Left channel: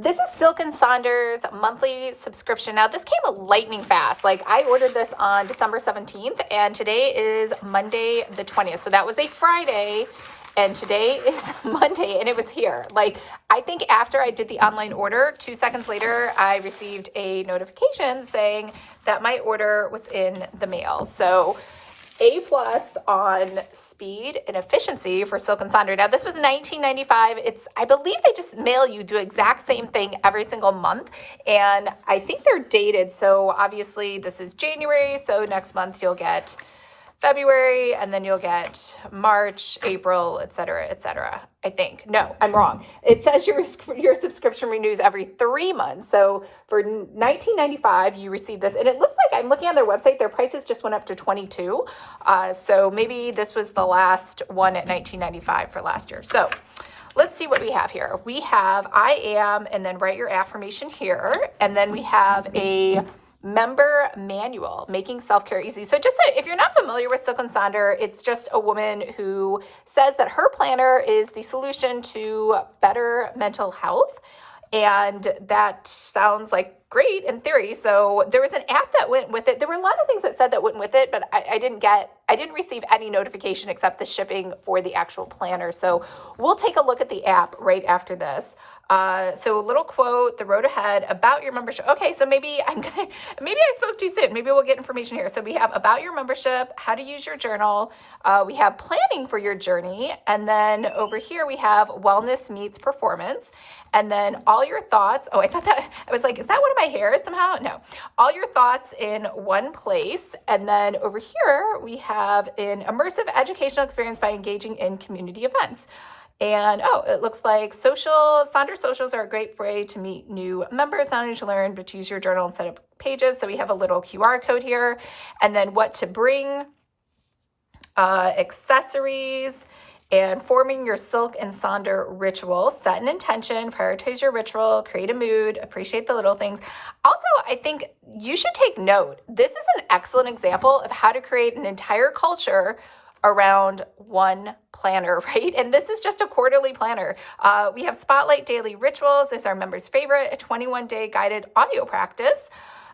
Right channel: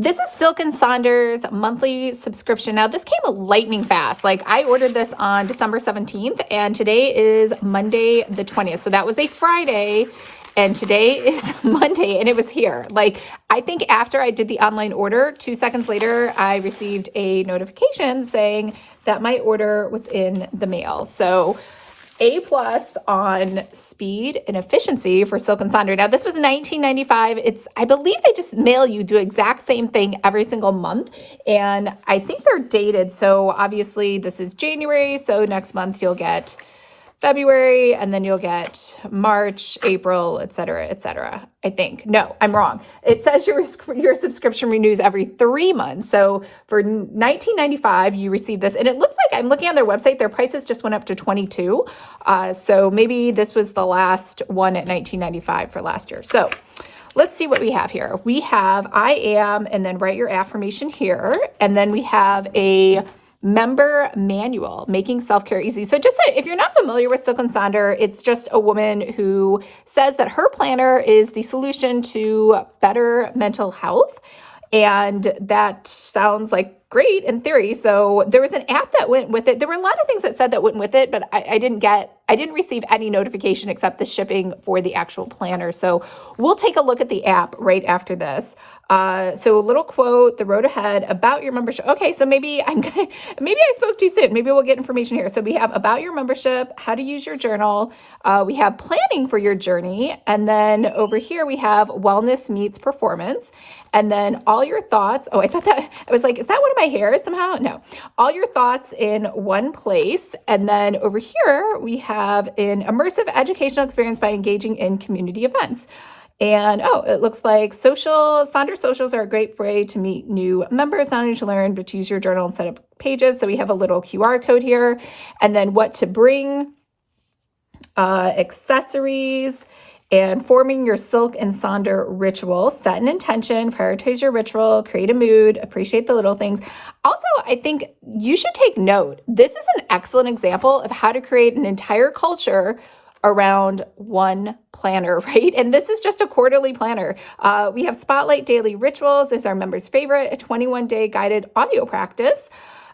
This is Silk and Sonder's monthly subscription. Now, this came lightning fast. Like, I ordered this on December 17th, and today is Monday the 20th. So that was a Friday, and today is Monday, and it was here. Like, I think after I did the online order, 2 seconds later, I received a notification saying that my order was in the mail. So A+ on speed and efficiency for Silk and Sonder. Now, this was $19.95. I believe they just mail you the exact same thing every single month, and I think they're dated. So obviously this is January, so next month you'll get February, and then you'll get March, April, et cetera, I think. No, I'm wrong. It says your subscription renews every 3 months. So for $19.95, you receive this. And it looks like, I'm looking on their website, their prices just went up to $22. So maybe this was the last one at $19.95 for last year. So let's see what we have here. We have I am, and then write your affirmation here. And then we have a member manual, making self-care easy. So just if you're not familiar with Silk and Sonder, it's just a woman who says that her planner is the solution to better mental health. And that sounds like great in theory. So there was an app that went with it. There were a lot of things that said that went with it, but I didn't receive any notification except the shipping for the actual planner. So we'll take a look at the app right after this. So a little quote, the road ahead, about your membership. Okay, so maybe I spoke too soon. Maybe we'll get information here. So we have about your membership, how to use your journal. We have planning for your journey. And then over here we have wellness meets performance. And then all your thoughts. Oh, I was like, is that one of my hairs somehow? No. All your thoughts in one place. And then over here we have an immersive educational experience by engaging in community events. And it looks like Sonder socials are a great way to meet new members, not only to learn, but to use your journal and set up pages. So we have a little QR code here. And then what to bring, accessories, and forming your Silk and Sonder ritual. Set an intention, prioritize your ritual, create a mood, appreciate the little things. Also, I think you should take note. This is an excellent example of how to create an entire culture around one planner, right? And this is just a quarterly planner. We have Spotlight Daily Rituals. This is our members' favorite, a 21-day guided audio practice.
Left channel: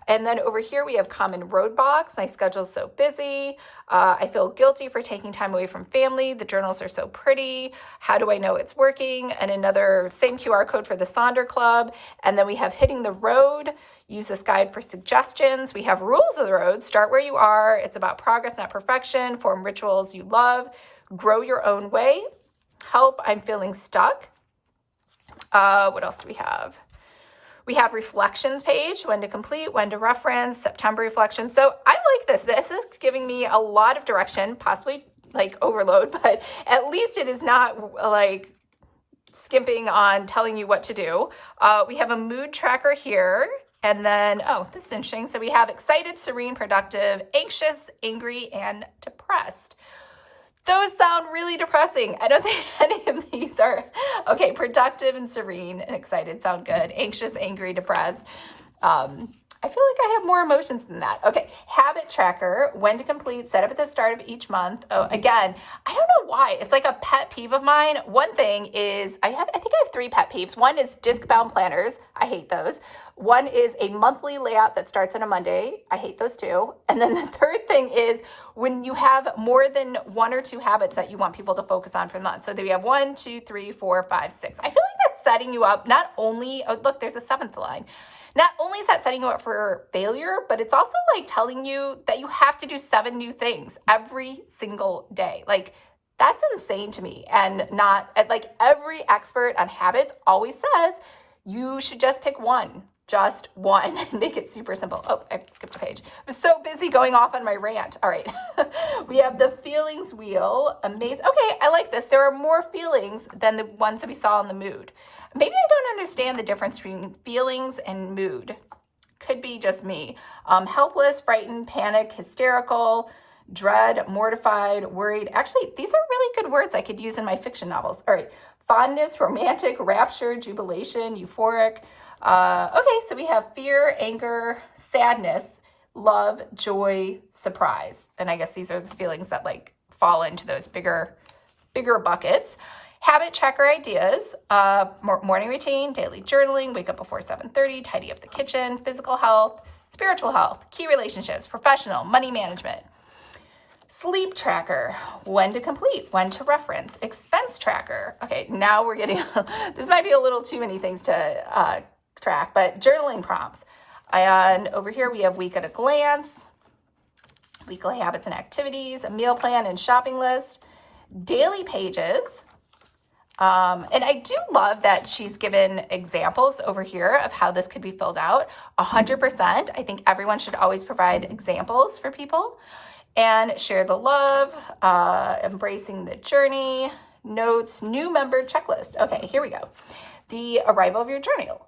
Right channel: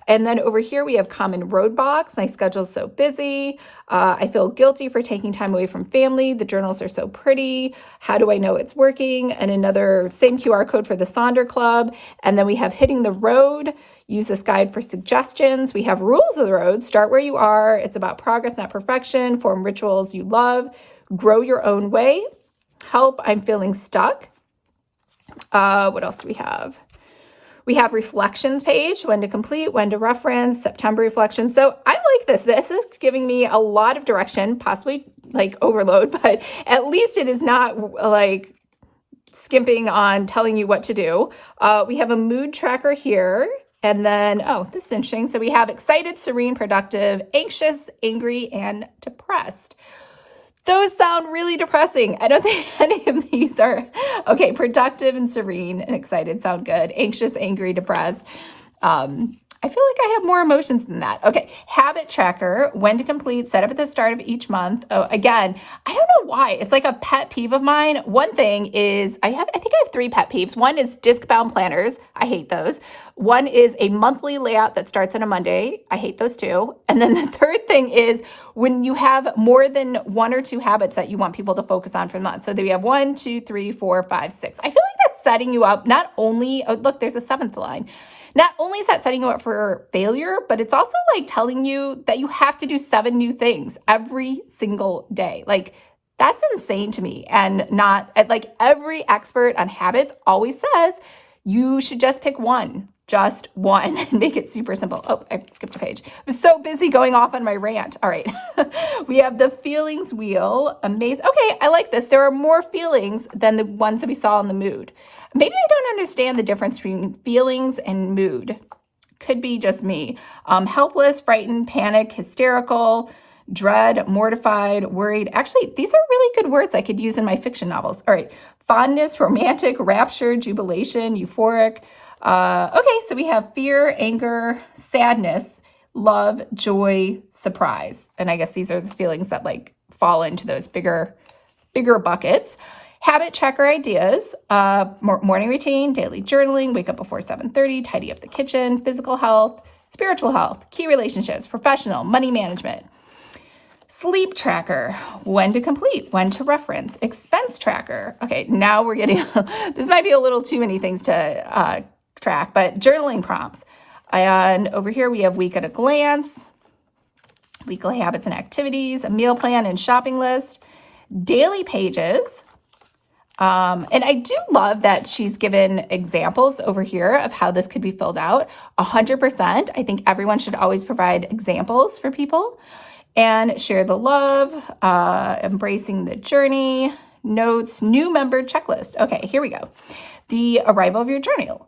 And then over here, we have common roadblocks. My schedule's so busy. I feel guilty for taking time away from family. The journals are so pretty. How do I know it's working? And another same QR code for the Sonder Club. And then we have hitting the road. Use this guide for suggestions. We have rules of the road. Start where you are. It's about progress, not perfection. Form rituals you love. Grow your own way. Help, I'm feeling stuck. What else do we have? We have reflections page, when to complete, when to reference, September reflection. So I like this. This is giving me a lot of direction, possibly like overload, but at least it is not like skimping on telling you what to do. We have a mood tracker here. And then, this is interesting. So we have excited, serene, productive, anxious, angry, and depressed. Those sound really depressing. I don't think any of these are, okay, productive and serene and excited sound good. Anxious, angry, depressed. I feel like I have more emotions than that. Okay, habit tracker, when to complete, set up at the start of each month. Oh, again, I don't know why. It's like a pet peeve of mine. One thing is, I think I have 3 pet peeves. One is disc-bound planners. I hate those. One is a monthly layout that starts on a Monday. I hate those too. And then the third thing is when you have more than 1 or 2 habits that you want people to focus on for the month. So we have 1, 2, 3, 4, 5, 6. I feel like that's setting you up not only, look, there's a 7th line. Not only is that setting you up for failure, but it's also like telling you that you have to do 7 new things every single day. Like, that's insane to me. And not like every expert on habits always says you should just pick one. Just one, and make it super simple. Oh, I skipped a page. I was so busy going off on my rant. All right. We have the feelings wheel. Amazing. Okay, I like this. There are more feelings than the ones that we saw in the mood. Maybe I don't understand the difference between feelings and mood. Could be just me. Helpless, frightened, panic, hysterical, dread, mortified, worried. Actually, these are really good words I could use in my fiction novels. All right. Fondness, romantic, rapture, jubilation, euphoric. Okay, so we have fear, anger, sadness, love, joy, surprise. And I guess these are the feelings that like fall into those bigger buckets. Habit tracker ideas, morning routine, daily journaling, wake up before 7:30, tidy up the kitchen, physical health, spiritual health, key relationships, professional, money management. Sleep tracker, when to complete, when to reference, expense tracker. Okay, now we're getting, this might be a little too many things to track, but journaling prompts. And over here we have week at a glance, weekly habits and activities, a meal plan and shopping list, daily pages. And I do love that she's given examples over here of how this could be filled out. 100%. I think everyone should always provide examples for people. And share the love, embracing the journey, notes, new member checklist. Okay, here we go. The arrival of your journal.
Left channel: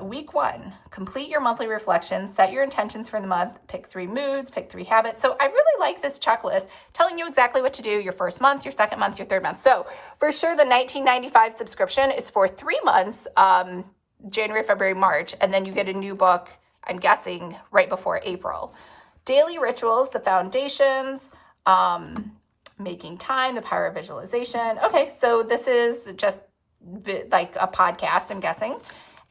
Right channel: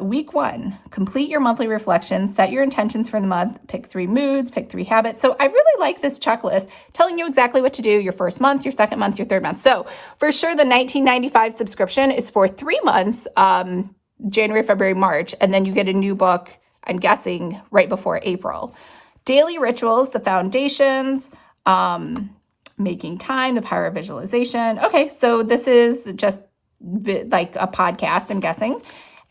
Week 1, complete your monthly reflections, set your intentions for the month, pick 3 moods, pick 3 habits. So I really like this checklist telling you exactly what to do your first month, your second month, your third month. So for sure, the $19.95 subscription is for 3 months, January, February, March, and then you get a new book, I'm guessing, right before April. Daily rituals, the foundations, making time, the power of visualization. Okay, so this is just like a podcast, I'm guessing.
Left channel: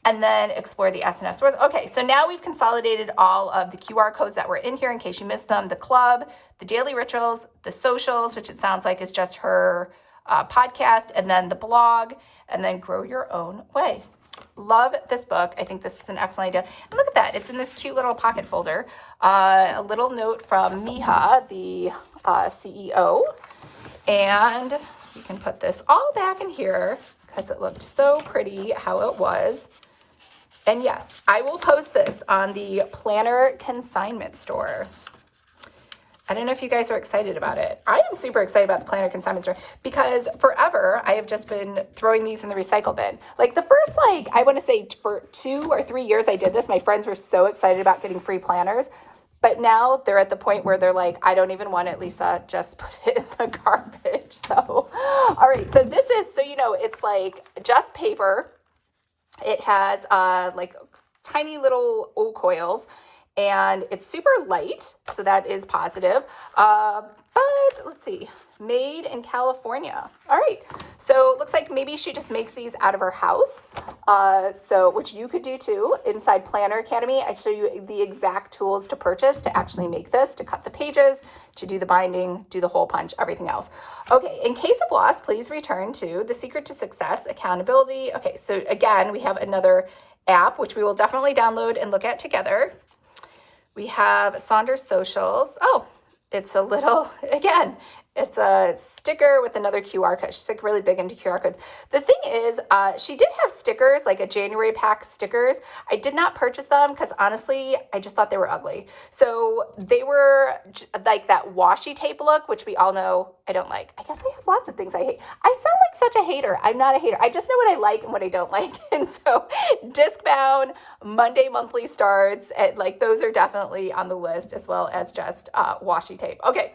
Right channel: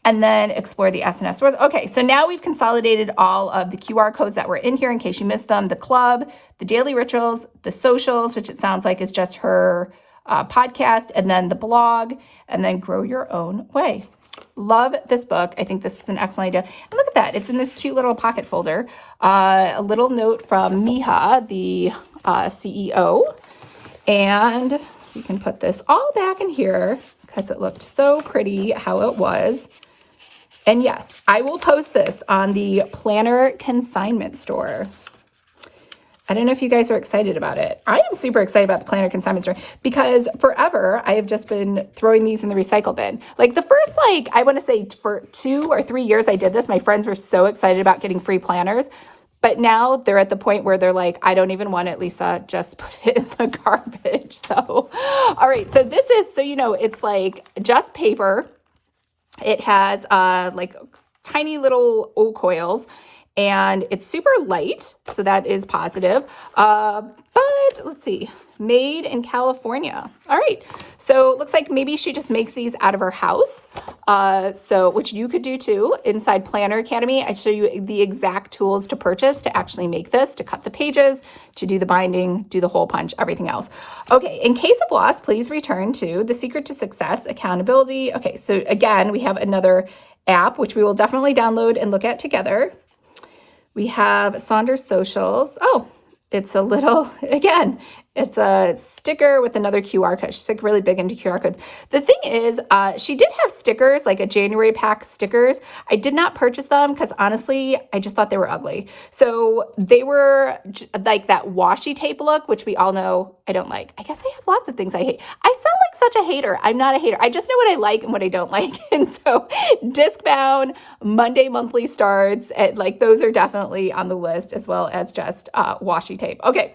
And then explore the SNS words. Okay, so now we've consolidated all of the QR codes that were in here in case you missed them. The club, the daily rituals, the socials, which it sounds like is just her podcast, and then the blog, and then grow your own way. Love this book. I think this is an excellent idea. And look at that. It's in this cute little pocket folder. A little note from Miha, the CEO. And we can put this all back in here because it looked so pretty how it was. And yes, I will post this on the Planner Consignment Store. I don't know if you guys are excited about it. I am super excited about the Planner Consignment Store because forever I have just been throwing these in the recycle bin. Like the first, I want to say for 2 or 3 years I did this, my friends were so excited about getting free planners. But now they're at the point where they're like, I don't even want it, Lisa, just put it in the garbage. So, all right. So this is, so you know, it's like just paper. It has like tiny little old coils. And it's super light, so that is positive. But let's see, made in California. All right, so it looks like maybe she just makes these out of her house. So which you could do too. Inside Planner Academy, I show you the exact tools to purchase to actually make this, to cut the pages, to do the binding, do the hole punch, everything else. Okay, in case of loss, please return to The Secret to Success, Accountability. Okay, so again, we have another app, which we will definitely download and look at together. We have Sonder socials. Oh, it's a little, again, it's a sticker with another QR code. She's like really big into QR codes. The thing is, she did have stickers, like a January pack stickers. I did not purchase them because honestly, I just thought they were ugly. So they were like that washi tape look, which we all know I don't like. I guess I have lots of things I hate. I sound like such a hater. I'm not a hater. I just know what I like and what I don't like. And so disc bound, Monday monthly starts, like those are definitely on the list, as well as just washi tape. Okay.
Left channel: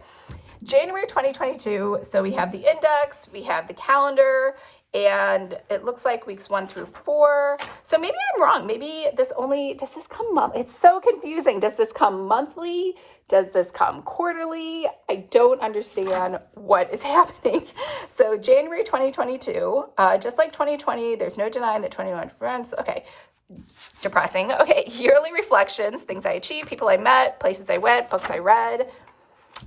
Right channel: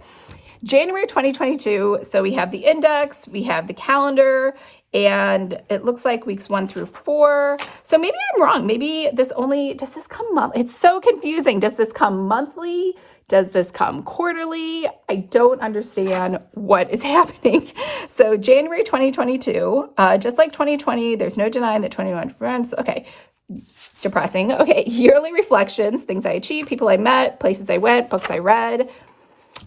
January 2022, so we have the index, we have the calendar, and it looks like weeks 1 through 4. So maybe I'm wrong. Maybe does this come monthly? It's so confusing. Does this come monthly? Does this come quarterly? I don't understand what is happening. So January 2022, just like 2020, there's no denying that 21 friends. Okay. Depressing. Okay. Yearly reflections, things I achieved, people I met, places I went, books I read.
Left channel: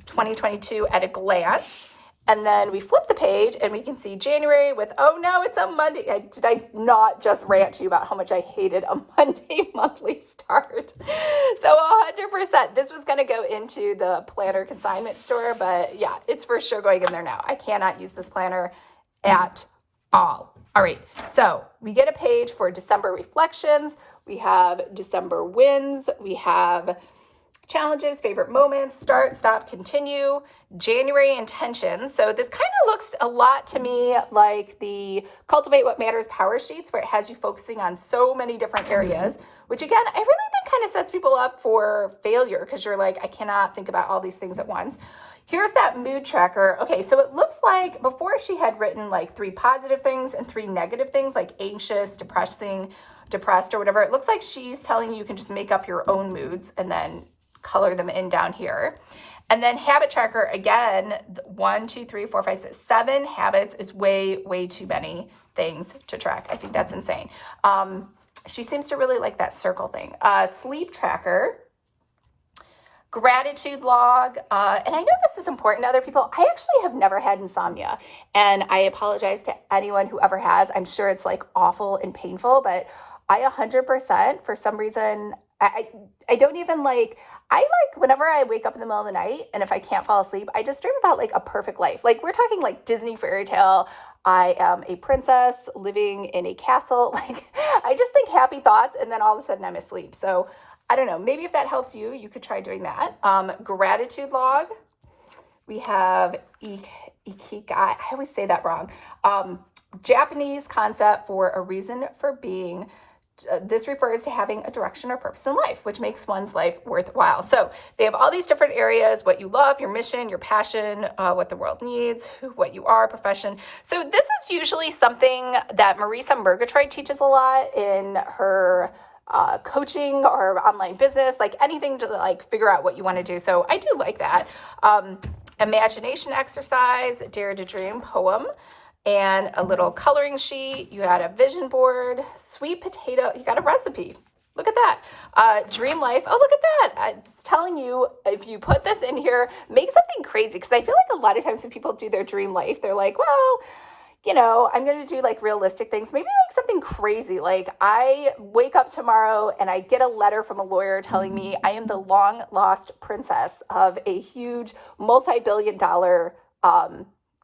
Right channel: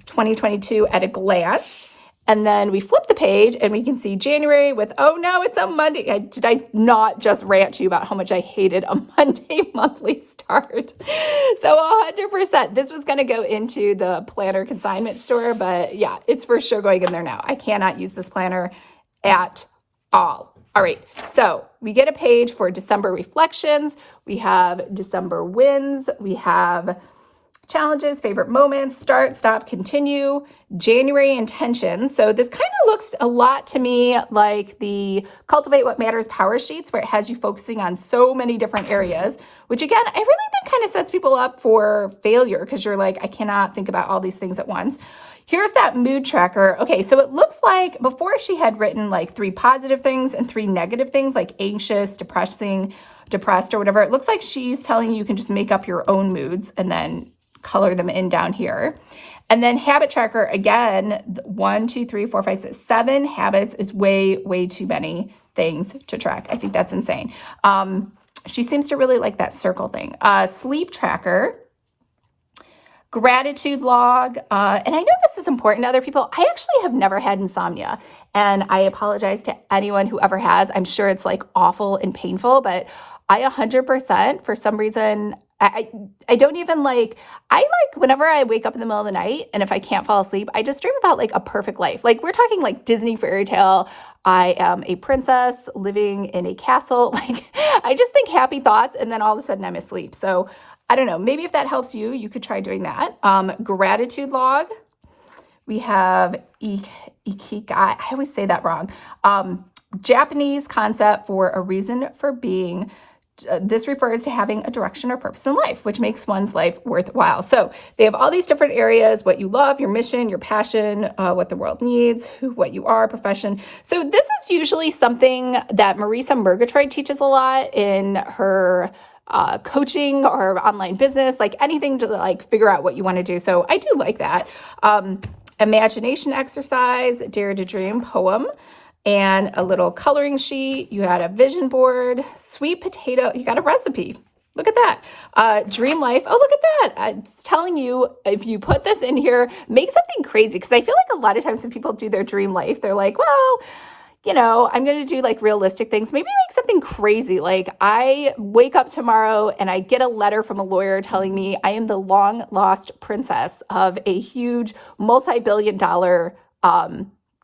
2022 at a glance. And then we flip the page and we can see January with, oh no, it's a Monday. Did I not just rant to you about how much I hated a Monday monthly start? So 100%, this was going to go into the Planner Consignment Store, but yeah, it's for sure going in there now. I cannot use this planner at all. All right, so we get a page for December reflections. We have December wins. We have challenges, favorite moments, start, stop, continue, January intentions. So this kind of looks a lot to me like the Cultivate What Matters power sheets, where it has you focusing on so many different areas, which again, I really think kind of sets people up for failure because you're like, I cannot think about all these things at once. Here's that mood tracker. Okay, so it looks like before she had written like 3 positive things and 3 negative things like anxious, depressed, or whatever. It looks like she's telling you can just make up your own moods and then color them in down here. And then habit tracker, again, 1, 2, 3, 4, 5, 6, 7 habits is way, way too many things to track. I think that's insane. She seems to really like that circle thing. Sleep tracker, gratitude log. And I know this is important to other people. I actually have never had insomnia, and I apologize to anyone who ever has. I'm sure it's like awful and painful, but I 100% for some reason, I don't even like, whenever I wake up in the middle of the night and if I can't fall asleep, I just dream about like a perfect life. Like we're talking like Disney fairy tale. I am a princess living in a castle. Like I just think happy thoughts and then all of a sudden I'm asleep. So I don't know, maybe if that helps you, you could try doing that. Gratitude log. We have ikigai. I always say that wrong. Japanese concept for a reason for being. This refers to having a direction or purpose in life, which makes one's life worthwhile. So they have all these different areas: what you love, your mission, your passion, what the world needs, what you are, profession. So this is usually something that Marisa Murgatroyd teaches a lot in her coaching or online business, like anything to like figure out what you want to do. So I do like that. Imagination exercise, dare to dream poem, and a little coloring sheet. You had a vision board, sweet potato. You got a recipe. Look at that. Dream life. Oh, look at that. It's telling you if you put this in here, make something crazy. Because I feel like a lot of times when people do their dream life, they're like, well, you know, I'm going to do like realistic things. Maybe make something crazy. Like I wake up tomorrow and I get a letter from a lawyer telling me I am the long lost princess of a huge multi-billion-dollar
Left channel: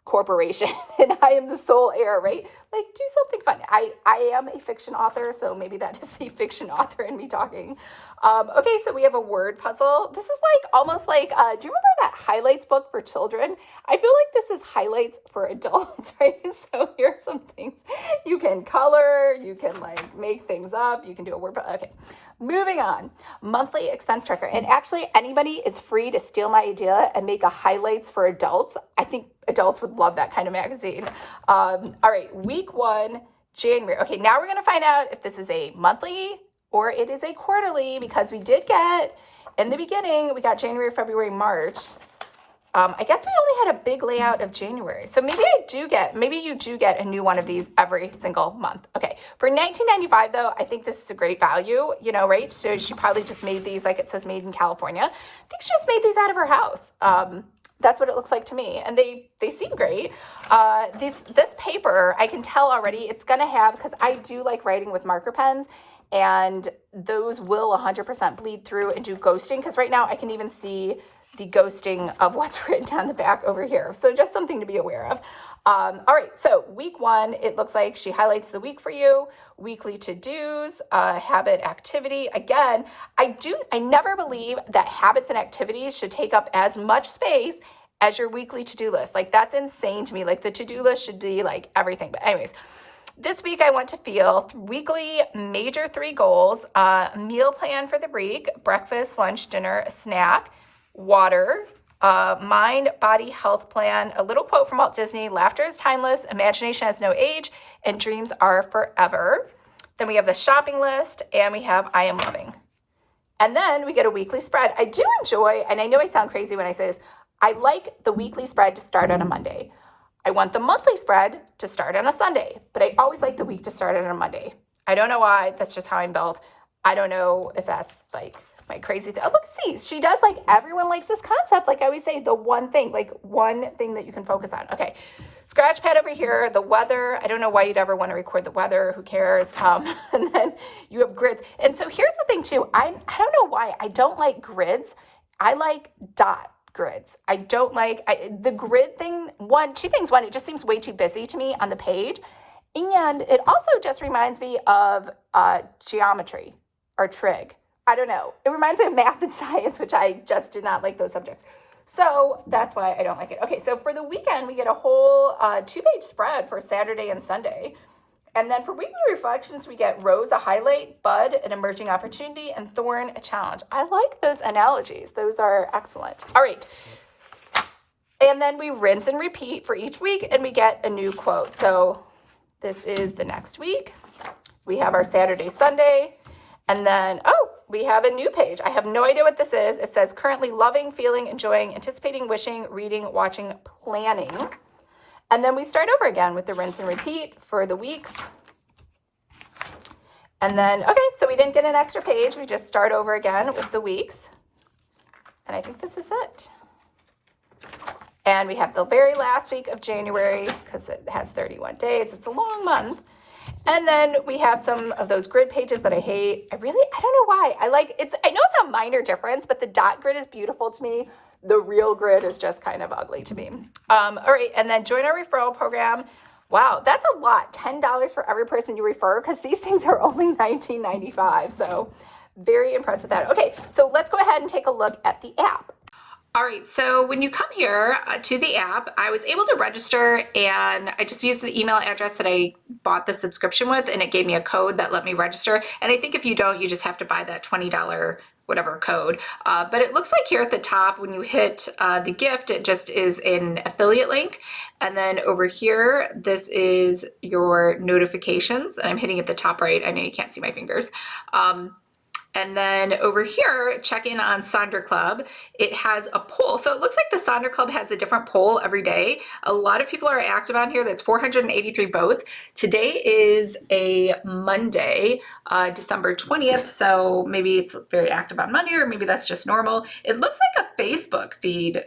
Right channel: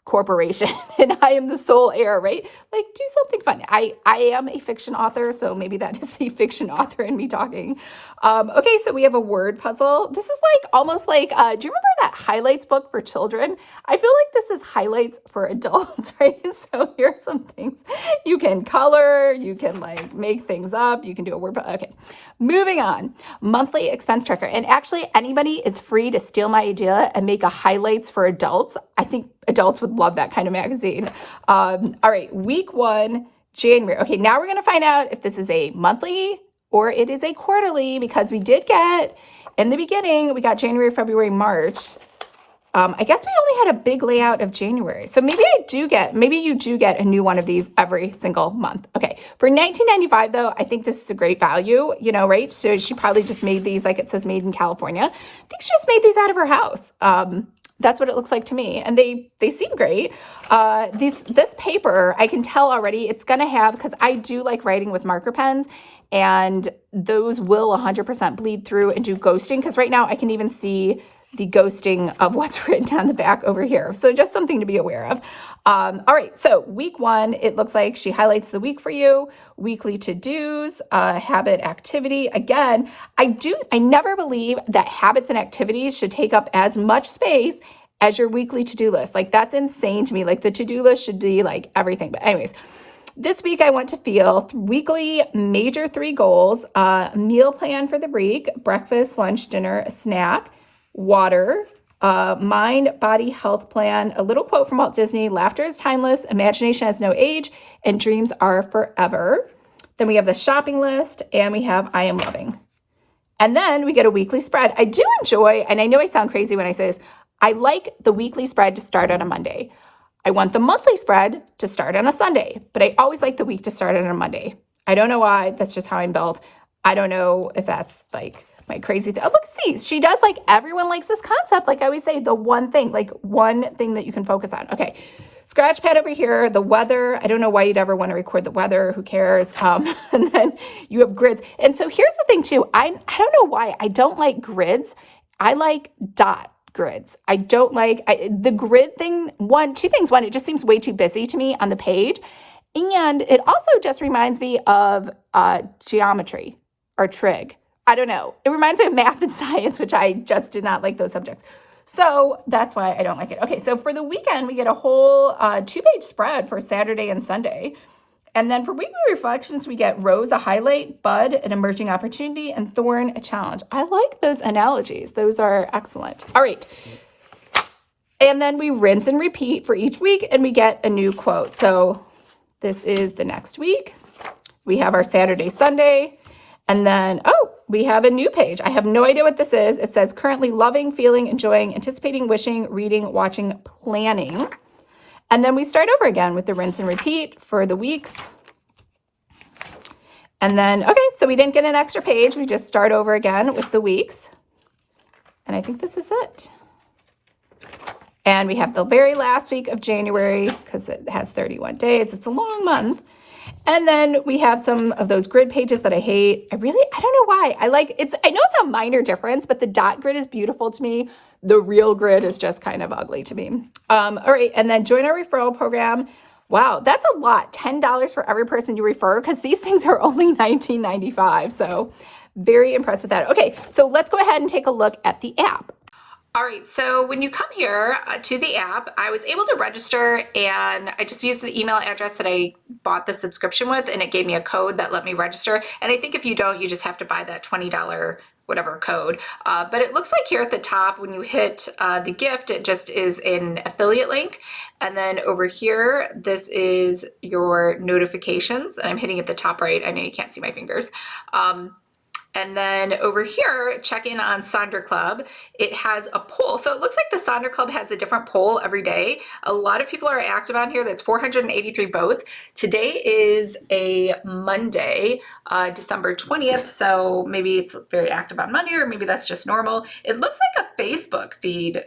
corporation and I am the sole heir, right? Like do something fun. I am a fiction author, so maybe that is the fiction author in me talking. Okay, so we have a word puzzle. This is like almost like, do you remember that highlights book for children? I feel like this is highlights for adults, right? So here's some things you can color, you can like make things up, you can do a word puzzle. Okay, moving on. Monthly expense tracker. And actually anybody is free to steal my idea and make a highlights for adults. I think adults would love that kind of magazine. All right, week 1, January. Okay, now we're going to find out if this is a monthly or it is a quarterly, because we did get, in the beginning, we got January, February, March. I guess we only had a big layout of January. So maybe you do get a new one of these every single month. Okay, for $19.95 though, I think this is a great value, you know, right? So she probably just made these, like it says made in California. I think she just made these out of her house. That's what it looks like to me. And they seem great. This paper, I can tell already it's going to have, because I do like writing with marker pens, and those will 100% bleed through and do ghosting, because right now I can even see the ghosting of what's written on the back over here. So just something to be aware of. All right, so week 1, it looks like she highlights the week for you, weekly to-dos, habit activity. Again, I never believe that habits and activities should take up as much space as your weekly to-do list. Like that's insane to me. Like the to-do list should be like everything. But anyways, this week I want to feel weekly major 3 goals, meal plan for the week, breakfast, lunch, dinner, snack, water, mind, body, health plan, a little quote from Walt Disney: laughter is timeless, imagination has no age, and dreams are forever. Then we have the shopping list, and we have I am loving. And then we get a weekly spread. I do enjoy, and I know I sound crazy when I say this, I like the weekly spread to start on a Monday. I want the monthly spread to start on a Sunday, but I always like the week to start on a Monday. I don't know why. That's just how I'm built. I don't know if that's like my crazy thing. Oh, look, see, she does like, everyone likes this concept. Like I always say, the one thing that you can focus on. Okay, scratch pad over here, the weather. I don't know why you'd ever want to record the weather. Who cares? And then you have grids. And so here's the thing too. I don't know why I don't like grids. I like dot grids. I don't like the grid thing. Two things. One, it just seems way too busy to me on the page. And it also just reminds me of geometry or trig. I don't know. It reminds me of math and science, which I just did not like those subjects. So that's why I don't like it. Okay, so for the weekend, we get a whole 2-page spread for Saturday and Sunday. And then for weekly reflections, we get Rose, a highlight, Bud, an emerging opportunity, and Thorn, a challenge. I like those analogies. Those are excellent. All right. And then we rinse and repeat for each week, and we get a new quote. So this is the next week. We have our Saturday, Sunday, and then, we have a new page. I have no idea what this is. It says currently loving, feeling, enjoying, anticipating, wishing, reading, watching, planning. And then we start over again with the rinse and repeat for the weeks. And then, okay, so we didn't get an extra page. We just start over again with the weeks. And I think this is it. And we have the very last week of January because it has 31 days. It's a long month. And then we have some of those grid pages that I hate. I don't know why. I know it's a minor difference, but the dot grid is beautiful to me. The real grid is just kind of ugly to me. All right, and then join our referral program. Wow, that's a lot. $10 for every person you refer because these things are only $19.95. So very impressed with that. Okay, so let's go ahead and take a look at the app. All right, so when you come here to the app, I was able to register and I just used the email address that I bought the subscription with and it gave me a code that let me register. And I think if you don't, you just have to buy that $20 whatever code. But it looks like here at the top, when you hit the gift, it just is an affiliate link. And then over here, this is your notifications. And I'm hitting at the top right. I know you can't see my fingers. And then over here, check in on Sonder Club. It has a poll. So it looks like the Sonder Club has a different poll every day. A lot of people are active on here. That's 483 votes. Today is a Monday, December 20th. So maybe it's very active on Monday, or maybe that's just normal. It looks like a Facebook feed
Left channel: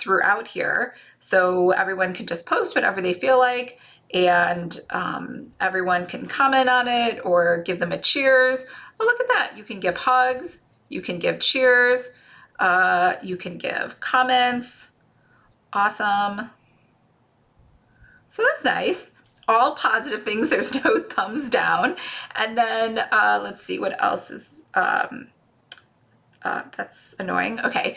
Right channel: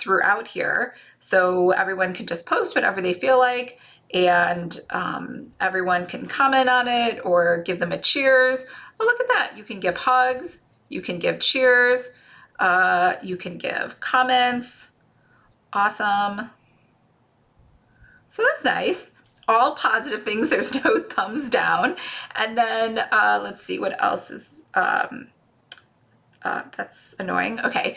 throughout here. So everyone can just post whatever they feel like. And everyone can comment on it or give them a cheers. Oh, look at that. You can give hugs. You can give cheers. You can give comments. Awesome. So that's nice. All positive things. There's no thumbs down. And then let's see what else is... that's annoying. Okay,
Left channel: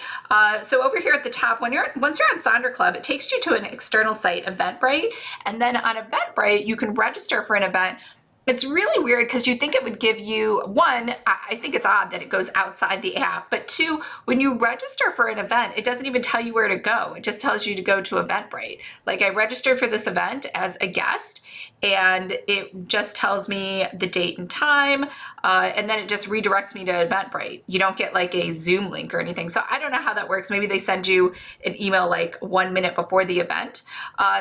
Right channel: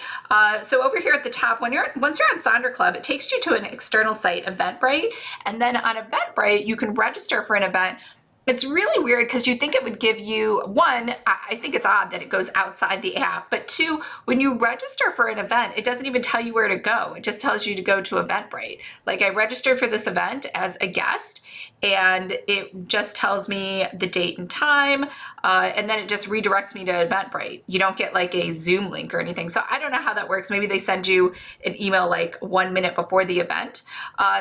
so over here at the top, once you're on Sonder Club, it takes you to an external site, Eventbrite, and then on Eventbrite, you can register for an event. It's really weird because you think it would give you, one, I think it's odd that it goes outside the app, but two, when you register for an event, it doesn't even tell you where to go. It just tells you to go to Eventbrite. Like I registered for this event as a guest and it just tells me the date and time, and then it just redirects me to Eventbrite. You don't get like a Zoom link or anything. So I don't know how that works. Maybe they send you an email like 1 minute before the event.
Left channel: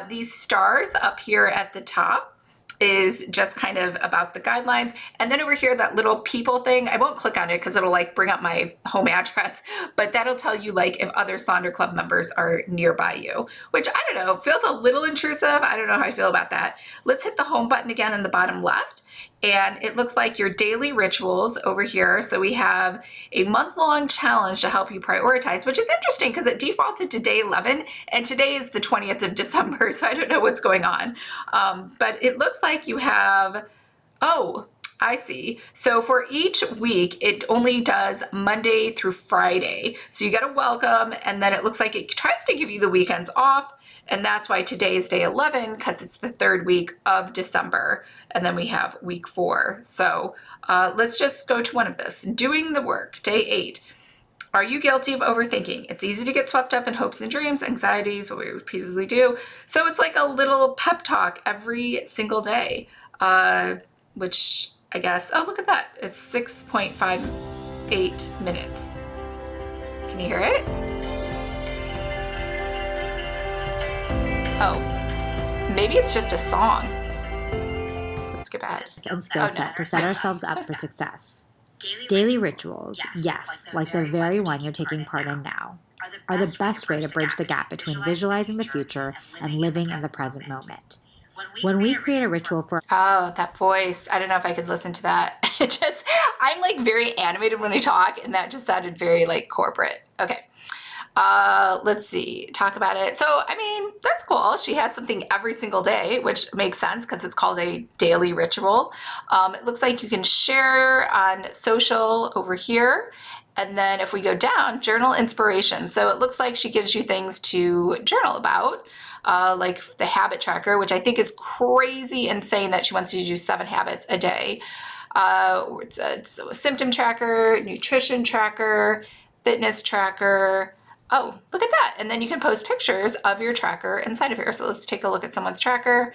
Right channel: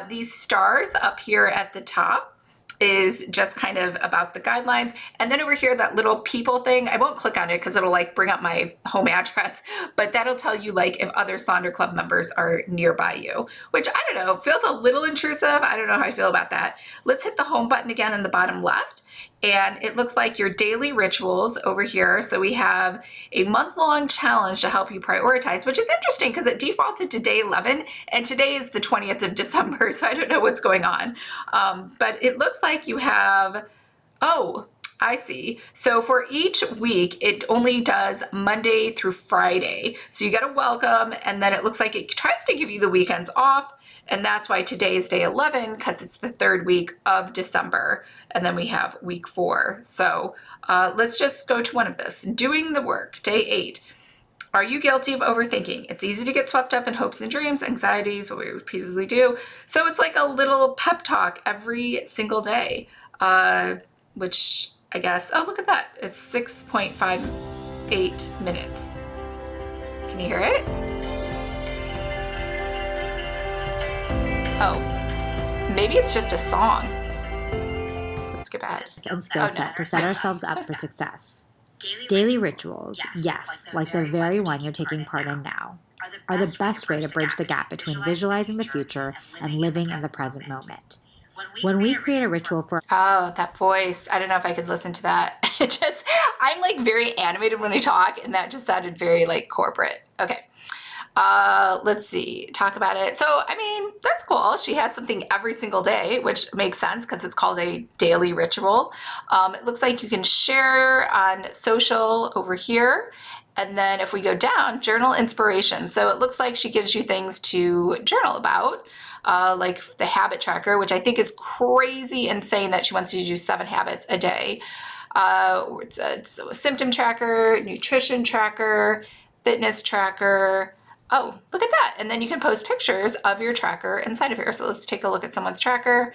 These stars up here at the top is just kind of about the guidelines. And then over here, that little people thing, I won't click on it because it'll like bring up my home address, but that'll tell you like if other Sonder Club members are nearby you, which I don't know, feels a little intrusive. I don't know how I feel about that. Let's hit the home button again in the bottom left. And it looks like your daily rituals over here. So we have a month-long challenge to help you prioritize, which is interesting because it defaulted to day 11 and today is the 20th of December. So I don't know what's going on. But it looks like you have, oh, I see. So for each week, it only does Monday through Friday. So you get a welcome and then it looks like it tries to give you the weekends off. And that's why today is day 11 because it's the third week of December. And then we have week 4. So let's just go to one of this. Doing the work, day 8. Are you guilty of overthinking? It's easy to get swept up in hopes and dreams, anxieties, what we repeatedly do. So it's like a little pep talk every single day, which I guess, oh, look at that. It's 6.58 minutes. Can you hear it? Oh, maybe it's just a song. Let's get back. Skill set to set ourselves up for success. Daily rituals, yes, like the very one you're taking part in now, are the best way to bridge the gap between visualizing the future and living in the present moment. When we create a ritual for... Oh, that voice. I don't know if I could listen to that. I'm like very animated when I talk and that just sounded very like corporate. Okay. Let's see, talk about it. So, I mean, that's cool. She has something every single day, which makes sense because it's called a daily ritual. It looks like you can share on social over here. And then if we go down, journal inspiration. So it looks like she gives you things to journal about, like the habit tracker, which I think is crazy insane that she wants you to do 7 habits a day. It's a symptom tracker, nutrition tracker, fitness tracker. Oh, look at that. And then you can post pictures of your tracker inside of here. So let's take a look at someone's tracker.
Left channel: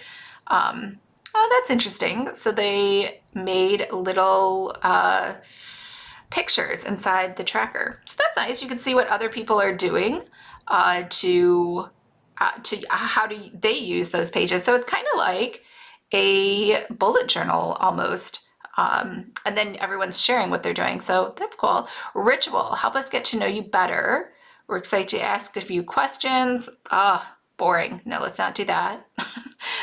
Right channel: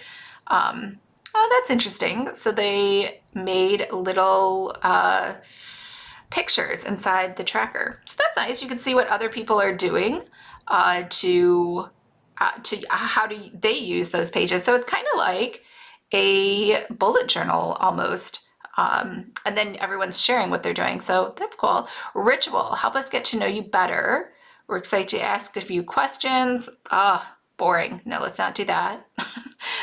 Oh, that's interesting. So they made little pictures inside the tracker. So that's nice. You can see what other people are doing to how do they use those pages. So it's kind of like a bullet journal almost. And then everyone's sharing what they're doing. So that's cool. Ritual, help us get to know you better. We're excited to ask a few questions. Boring. No, let's not do that.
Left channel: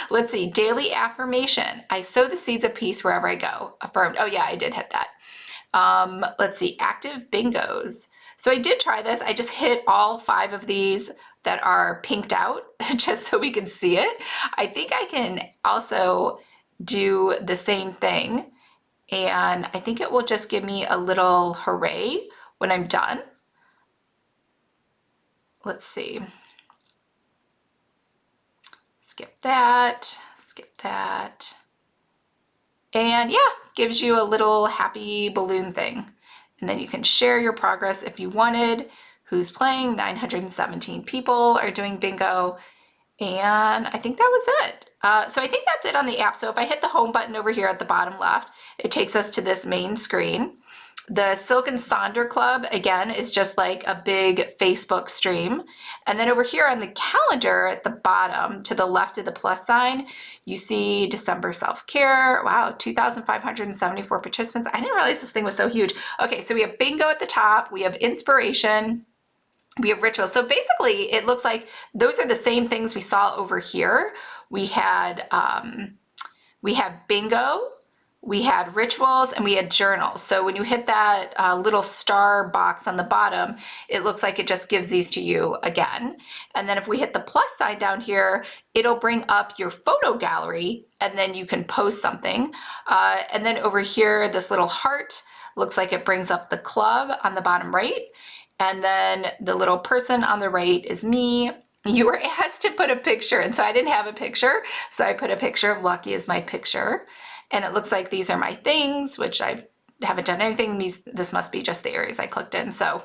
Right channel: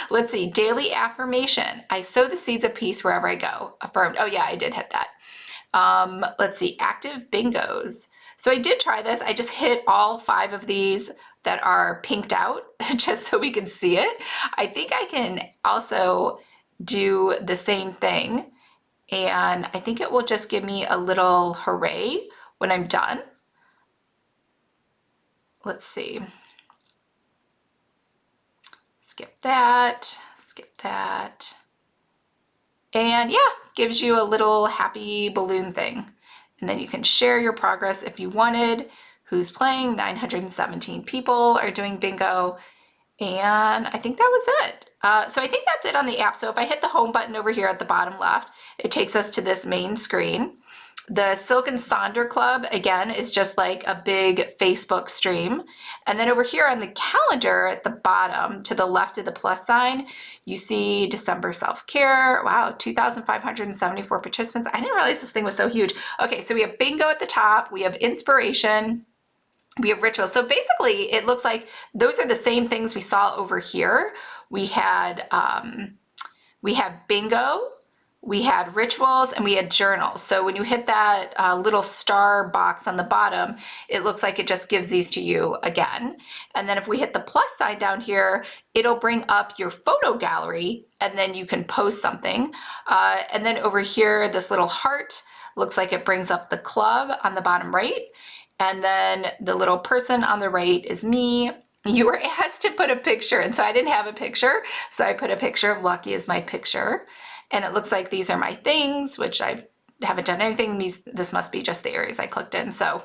Let's see. Daily affirmation. I sow the seeds of peace wherever I go. Affirmed. Oh yeah, I did hit that. Let's see. Active bingos. So I did try this. I just hit all 5 of these that are pinked out just so we can see it. I think I can also do the same thing. And I think it will just give me a little hooray when I'm done. Let's see. Skip that, skip that. And yeah, gives you a little happy balloon thing. And then you can share your progress if you wanted. Who's playing? 917 people are doing bingo. And I think that was it. So I think that's it on the app. So if I hit the home button over here at the bottom left, it takes us to this main screen. The Silk and Sonder Club, again, is just like a big Facebook stream. And then over here on the calendar at the bottom, to the left of the plus sign, you see December self-care. Wow, 2,574 participants. I didn't realize this thing was so huge. Okay, so we have bingo at the top. We have inspiration. We have rituals. So basically, it looks like those are the same things we saw over here. We had bingo, we had rituals, and we had journals. So when you hit that little star box on the bottom, it looks like it just gives these to you again. And then if we hit the plus sign down here, it'll bring up your photo gallery, and then you can post something. And then over here, this little heart looks like it brings up the club on the bottom right. And then the little person on the right is me. You were asked to put a picture, and so I didn't have a picture, so I put a picture of Lucky as my picture. And it looks like these are my things, which I haven't done anything. This must be just the areas I clicked in. So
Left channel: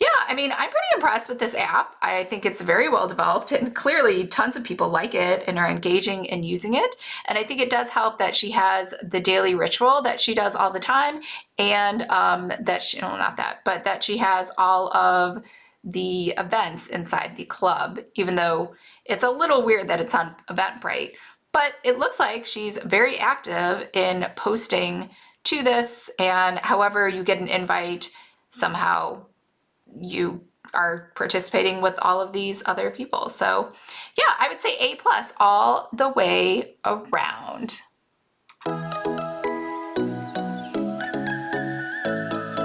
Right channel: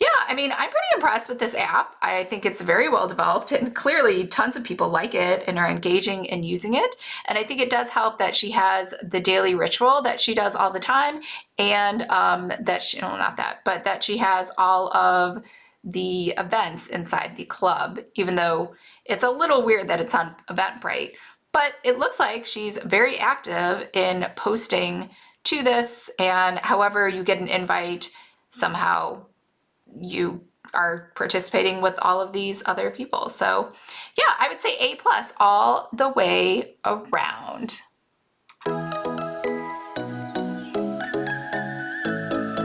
yeah, I mean, I'm pretty impressed with this app. I think it's very well developed, and clearly tons of people like it and are engaging and using it. And I think it does help that she has the daily ritual that she does all the time, and that she, no, not that, but that she has all of the events inside the club, even though it's a little weird that it's on Eventbrite. But it looks like she's very active in posting to this, and however you get an invite, somehow you are participating with all of these other people. So yeah, I would say A+ all the way around.